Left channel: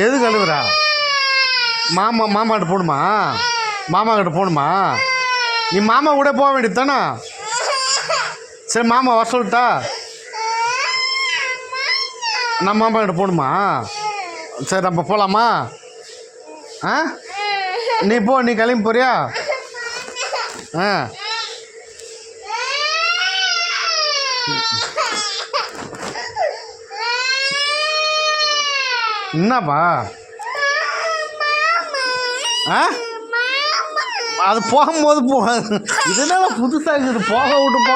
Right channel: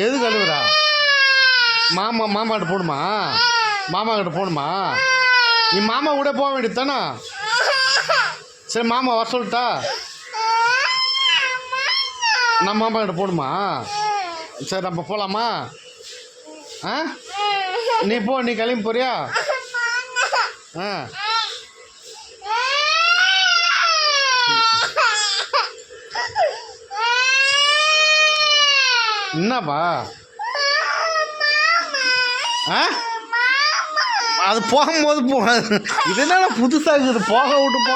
எது கழுவுறா? மாமாட்ட போகணுமா? மாமா கிட்ட போகணுமா? நீ மாமா கூட போக வேண்டியது தானே? சரி மாமா வர சொல்லிட்டா? நான் மாமா கிட்ட போகணுமா? சரி நம்ம போகலாமா? ஆ நீ போ, நீ கிளம்பி போறியா? ஆ என்னப்பா? ஆ அது போகும்போது போகாது. இதனால புதுசாக இருக்குது. போக விட்டு.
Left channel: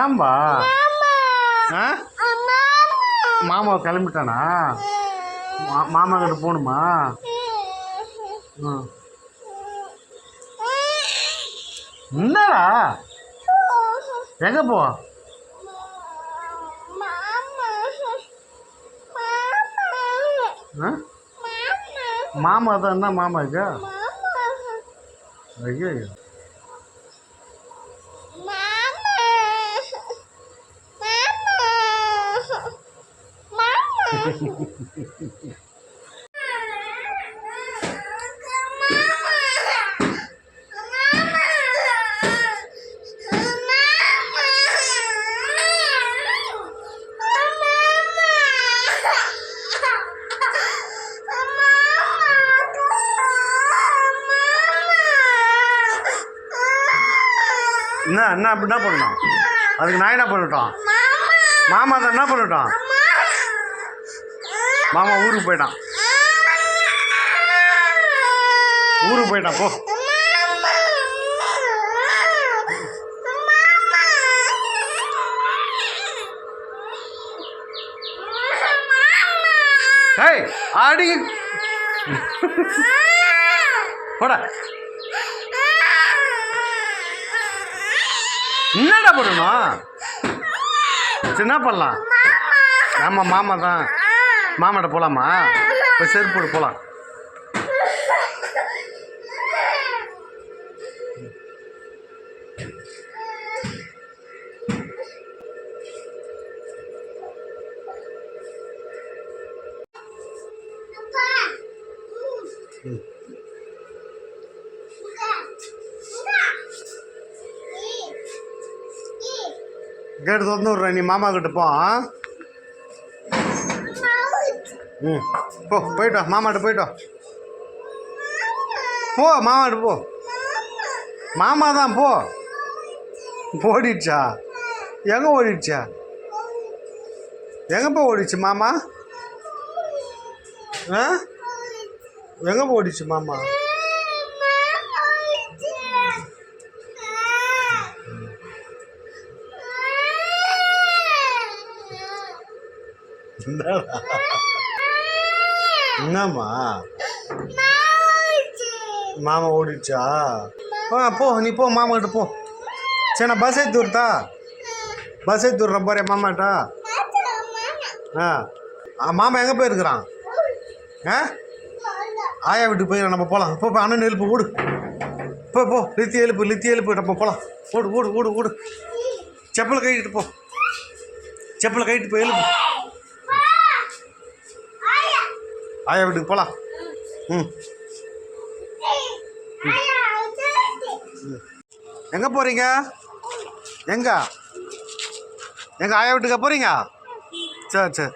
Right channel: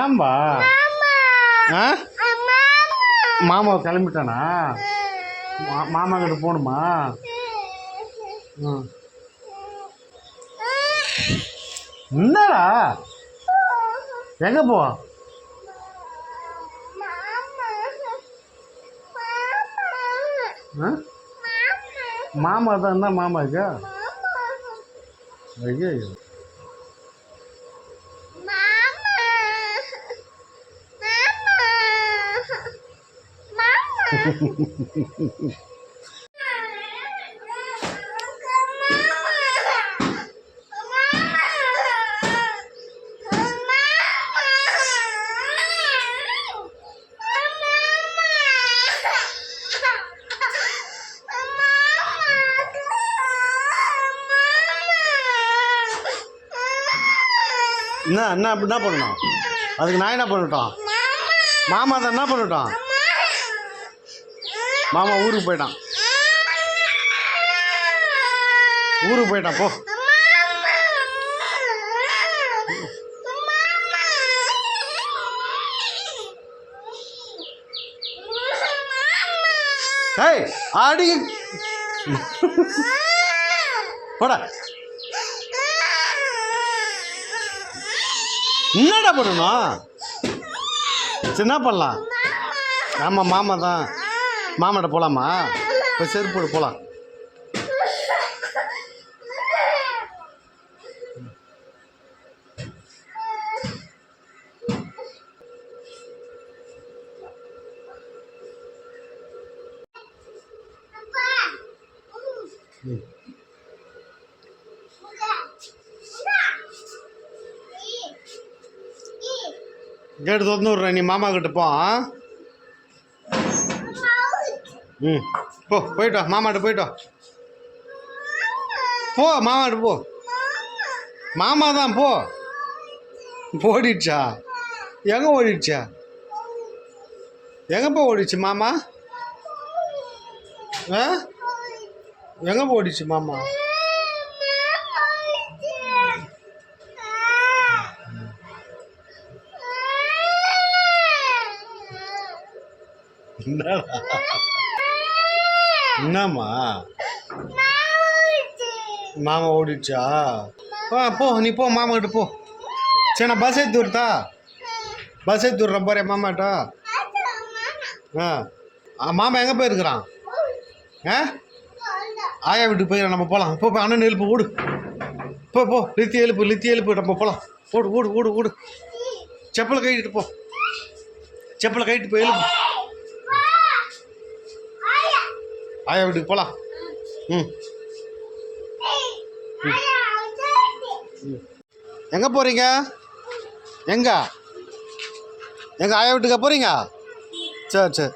ஏன்பா? ஆ மாமா கிளம்பிட்டானா? மாமா கிட்ட போகணுமா? என்னடா எங்க போ? மாமா தான். என்ன மாமா இது? ஐயோ என்ன அப்படி என்ன பண்ணணும்? அதுக்கு நான் என்ன பண்ணட்டும்? மாமா தான் என்ன பண்ணட்டும்? மாமா ஊருக்கு போயிட்டான். போ. ஏய் அடி போடா. என்னடா பண்ணணும்? சரி என்ன பண்ணலாம்? ஆமாம் மாமா தான். மாமாட்ட போகலாமா? இப்போ செருப்பு போகலாம். கேட்டு திறந்து விட்ற. நீ மாமா கிட்ட போ. போயிட்டோ. மாமாட்ட போயிட்டோ. போ மாமாட்ட போ. மாமா தான் போ. ஓடிடுச்சா? எங்கே ஓடிடுச்சா? எங்கப்போ ஓடிச்சு மாமா? ஆ எங்கே ஓடிச்சு மாமா? என்னம்மா? மாமா ஓடிடுச்சா? போ நீ போ, மாமா கிட்ட போ. சரி நான் பஸ் ஏற்றி விடுறா. பஸ் ஏற்றி விட்றேன் பாரு மாமாட்டா. மாமா எங்கே போயிருக்கிறான்? ஆயா வீட்டுக்கு போய் நம்ம போகலாம். இப்போ அண்ணன் எழுப்பு ஓடு. போ லித்தி எழுப்பு நம்ம போகலாம். ஓடு. செப்பலை கட்டிட்டு போ. செப்பலை கட்டிட்டு போய் எழுப்பு. ஆயா வீட்டுக்கு போகலாம். எங்கே போகிறீங்க? எங்க ஆயா வீட்டுக்கா போகிறீங்க? சரி.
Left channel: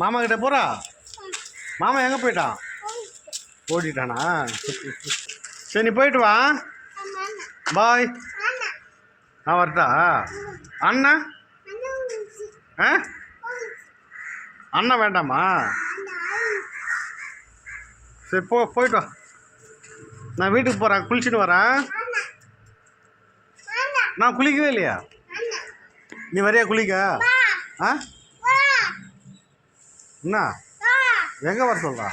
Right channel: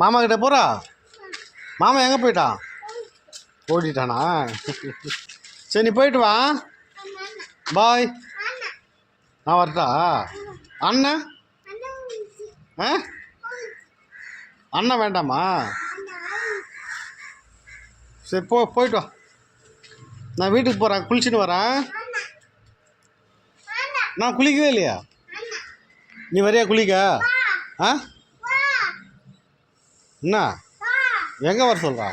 மாமா கிட்ட போகிறா? மாமா எங்கே போயிட்டான்? ஓடிட்டானா? சரி நீ போயிட்டு வா. பாய். நான் வரட்டா? அண்ணா அண்ணன் வேண்டாமா? சரி போயிட்டு வா. நான் வீட்டுக்கு போகிறேன். குளிச்சுட்டு வரேன். நான் குளிக்கவே இல்லையா? நீ வரையா குளிக்க? என்ன எங்கே வர சொல்கிறா?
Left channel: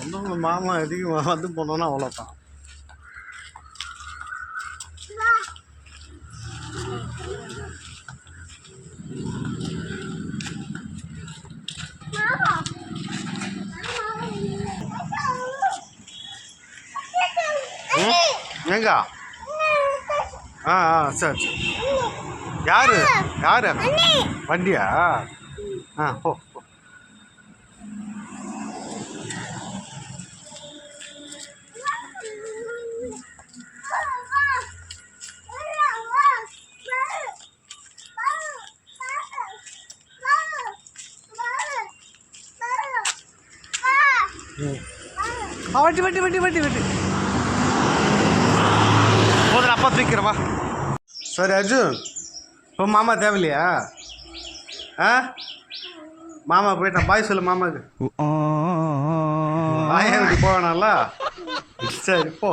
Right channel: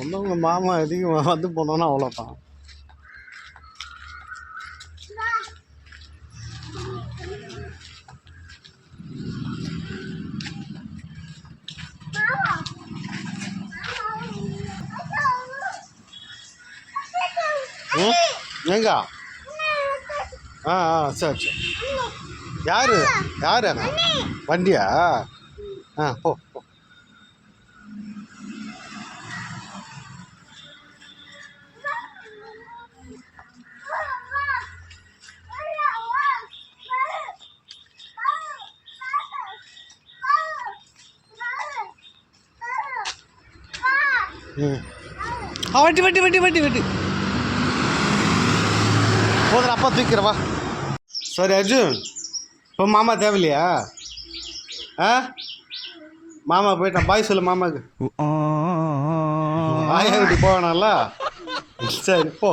ஒன்றும் மாமா அதிகம் வந்து போனோன்னா அவ்வளோதான். எங்க ஆ சரி சரி. யாரு யாரு வண்டியா? போ போ. வட்டி வட்டி வட்டி வட்டி வட்டி போதும், அப்பா தூக்கிறவா. சரி அர்ஜுன், இப்போ மாமா தேவையில்லையா? மாமா போயிட்டான், பாய் சொல்லு மாமாவுக்கு. ஆயா வீட்டுக்கு போவேனால. சரி போ.